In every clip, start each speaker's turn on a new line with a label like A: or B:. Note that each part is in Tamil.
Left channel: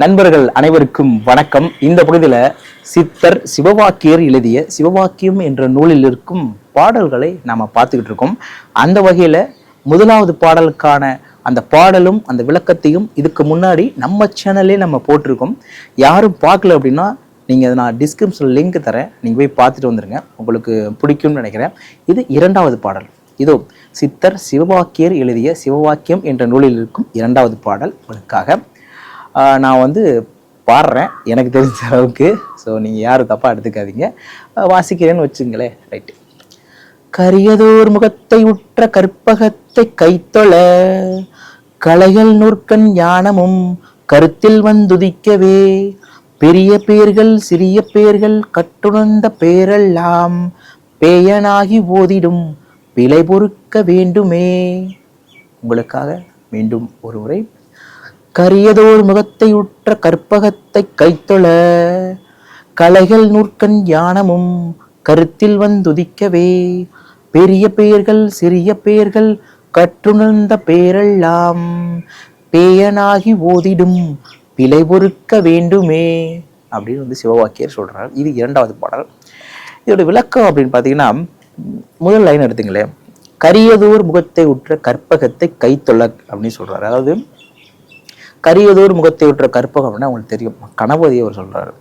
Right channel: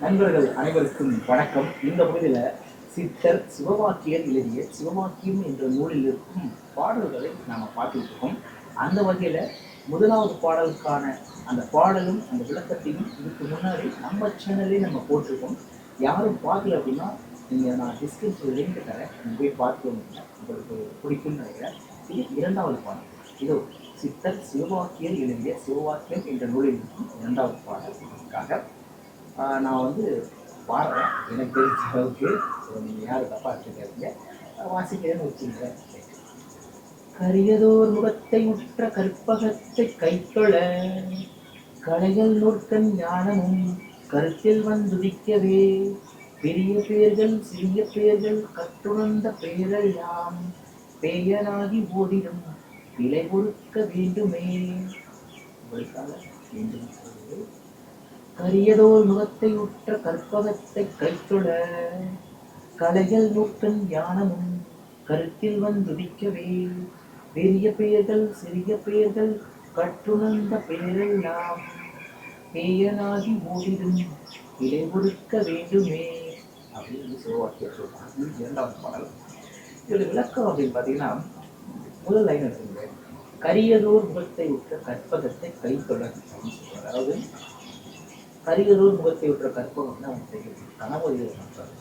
A: நண்பர்கள் அனைவருக்கும் வணக்கம். இந்த பகுதியில் சித்தர் சிவவாக்கியர் எழுதிய சிவவாக்கியம் என்ற நூலில் இருக்கும் பாடல்களை நாம் பார்த்துக்கிட்டு இருக்கோம். அந்த வகையில் முதலாவது பாடலுக்கான அந்த பாடலும் அந்த விளக்கத்தையும் இதுக்கு முன்னாடி நம்ம சேனல்லே நம்ம போட்டிருக்கோம். யாரும் பார்க்கல அப்படின்னா நீங்கள் அதை நான் டிஸ்கிரிப்ஷனில் லிங்க் தரேன். நீங்கள் போய் பார்த்துட்டு வந்துடுங்க உங்களுக்கு பிடிக்கும்னு நினைக்கிறேன். இது இரண்டாவது பாடல். இதோ சித்தர் சிவவாக்கியர் எழுதிய சிவவாக்கியம் என்ற நூலில் இருக்கும் இரண்டாவது பாடல் உங்களுக்காக. நான் வந்து பாடுறேன். எனக்கு தெரிஞ்ச அளவுக்கு. ஸோ நீங்கள் யாரும் தப்பாக எடுத்துக்காதீங்க. வாசிக்கிறேன்னு வச்சுங்களேன். ரைட்டு கரியதோர் முகத்தை உற்ற கற்பகத்தை கைத்தொழ கலைகள் நூற்கண் ஞானமும் கருத்தில் வந்துதிக்கவே. பெரிய பேர்கள் சிறிய பேர்கள் கட்டுணர்ந்த பேரெல்லாம் பேயனாகி ஓதிடும் பிழை பொறுக்க வேண்டுமே. உங்களுக்காக மீண்டும் ஒரு முறை கரியதோர் முகத்தை உற்ற கற்பகத்தை கைத்தொழ கலைகள் நூற்கண் ஞானமும் கருத்தில் வந்துதிக்கவே. பெரிய பெயர்கள் சிறிய பெயர்கள் கற்றுணர்ந்த பேரெல்லாம் பேயனாகி ஓதிடும் பிழை பொறுக்க வேண்டுமே அப்படின்னு வந்து சிவவாக்கியர் சொல்றார். இது இரண்டாவது பாடல். இதோட விளக்கம் அப்படின்னு பார்த்தீங்கன்னா முதல் லைன் எடுத்துங்களேன். கரியதோர் முகத்தை உற்ற கற்பகத்தை கைத்தொழ அப்படின்னு சொல்றாரு. அதாவது கரியதோர் முகத்தை உற்ற கற்பகம் அப்படின்னா அவங்களுக்கு தெரியும். கணபதி அவர் சொல்றாரு.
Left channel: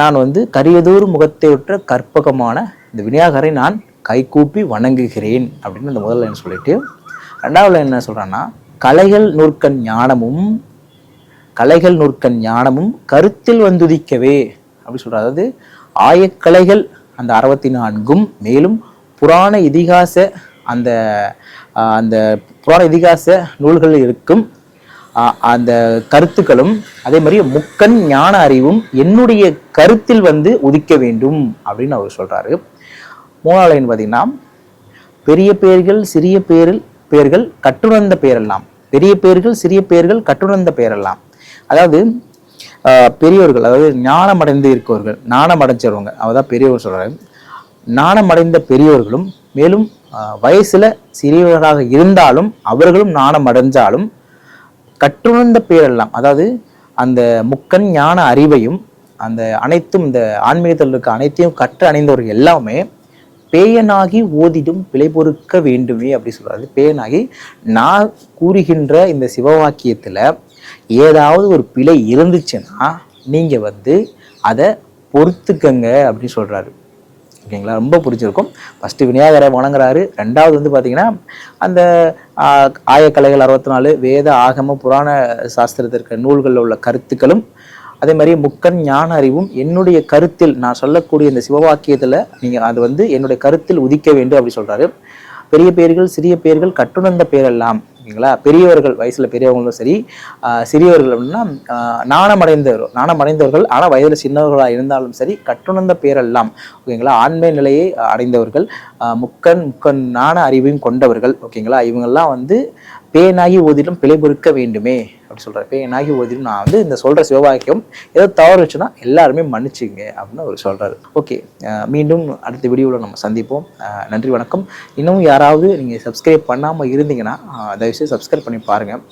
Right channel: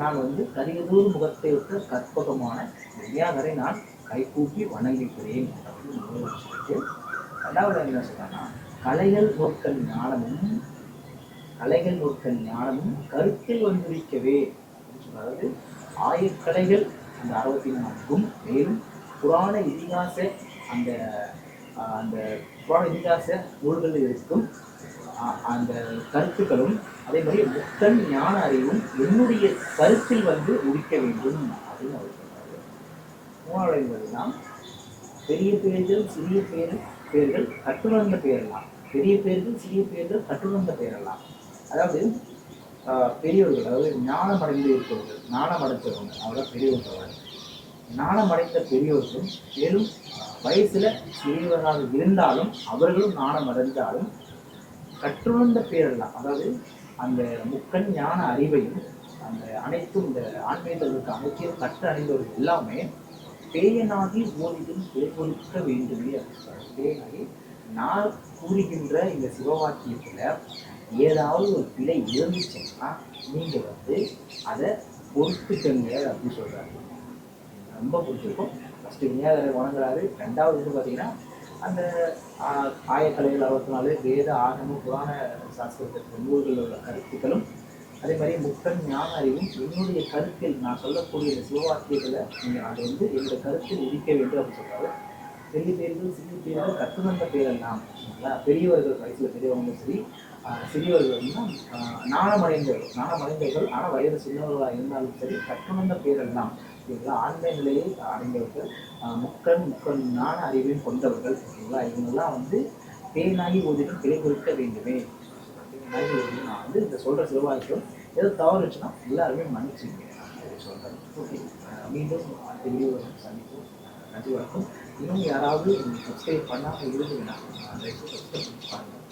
A: நான் வந்து கரியதோர் முகத்தை உற்ற கற்பகமான இந்த விநாயகரை நான் கைகூப்பி வணங்குகிறேன் அப்படின்னு அந்த முதல்ல என்ன சொல்லிட்டு ரெண்டாவில் என்ன சொல்கிறான்னா கலைகள் நூற்கண் ஞானமும் கலைகள் நூற்கண் ஞானமும் கருத்தில் வந்துதிக்கவே அப்படி சொல்றாரு. அதாவது ஆயக்கலைகள் அந்த அறுபத்தி நான்கும் மேலும் புராண இதிகாச அந்த அந்த புராண இதிகாச நூல்களில் இருக்கும். அந்த கருத்துக்களும் அதே மாதிரி முக்கன் ஞான அறிவும் என்னுடைய கருத்தில் வந்து உதிக்க வேண்டும் அப்படின்னு அவர் சொல்றாரு. மூணாவது லைன் பார்த்தீங்கன்னா பெரிய பெயர்கள் சிறிய பேரில் பெயர்கள் கட்டுணர்ந்த பெயரெல்லாம் பெரிய பெயர்கள் சிறிய பெயர்கள் கட்டுணர்ந்த பெயரெல்லாம் அதாவது பெரியவர்கள் அதாவது ஞானமடைந்து இருக்கவர்கள் ஞானமடைஞ்சவங்க அவதான் பெரியவர் சொல்றாரு. நாணமடைந்த பெரியவர்களும் மேலும் வயசில் வயசுல சிறியவர்களாக இருந்தாலும் அவர்களும் நாணம் அடைஞ்சாலும் கற்றுணர்ந்த பேரெல்லாம் அதாவது அந்த முக்கன் ஞான அறிவையும் அந்த அனைத்தும் இந்த ஆன்மீகத்தில் இருக்க அனைத்தையும் கற்று அணிந்தவர்கள் எல்லாமே பேயனாகி ஓதிடும் பிழை பொறுக்க வேண்டுமே அப்படி சொல்கிறாரு பேயனாகி நான் கூறுகின்ற இந்த சிவவாக்கியத்தில் ஏதாவது ஒரு பிழை இருந்துச்சுன்னா நீங்கள் வந்து அதை பொறுத்துக்கங்க அப்படின்னு சொல்கிறாரு ஓகேங்களா? ரொம்ப பிடிச்சிருக்கும். ஃபஸ்ட்டு விநாயகரை வணங்குறாரு. ரெண்டாவது வந்து பார்த்தீங்கன்னா அந்த ஆயக்கலைகள் அறுபத்தி நாலு வேத ஆகம புராண சாஸ்திரத்திற்கு நூல்களில் உள்ள கருத்துக்களும் அதே மாதிரி முக்கன் ஞான அறிவும் என்னுடைய கருத்தில் நான் சொல்லக்கூடிய இந்த சிவவாக்கியத்தில் நீங்கள் அது வந்து என்னுடைய கருத்தில் உதிக்க வேண்டும் அப்படி சொல்கிறாரு பெரிய பேர்கள் சிறிய பேர்கள் கட்டுணர்ந்த பேரெல்லாம் ஓகேங்களா பெரியவர்கள் வயசில் பெரியவங்களும் சரி சிறியவர்கள் அப்படின்னா நாணமடைந்தவர் நாணமடைந்தவர்கள் ஆனால் வயதில் சின்னவர்களாக இருந்தாலும் சரி கட்டுணர்ந்த பேரெல்லாம் ஓகேங்களா? ஆண்மை நிலையை அடைந்தவர்கள் முக்கன் முக்கன் நாண அறிவையும் கொண்டவர்கள் ஓகேங்களா? இவங்கெல்லாம் வந்து பேனாகி ஓதிலும் பிழை பொறுக்க வேண்டுமே அப்படி சொல்கிறார் பேனாகி ஓதிலும் நான் வந்து இந்த சொல்கிற சிவவாக்கியம் ஏதோ தவறு வச்சுன்னா எல்லாருமே மன்னிச்சுங்க அப்படின்னு அவர் சொல்கிறாரு ஓகே மீண்டும் அடுத்த வீடியோவில் நம்ம சந்திப்போம். நன்றி வணக்கம். இன்னும் யாராவது நீங்கள் சப்ஸ்கிரைப் பண்ணாமல் இருந்தீங்கன்னா தயவுசெய்து சப்ஸ்கிரைப் பண்ணி பாருங்கள்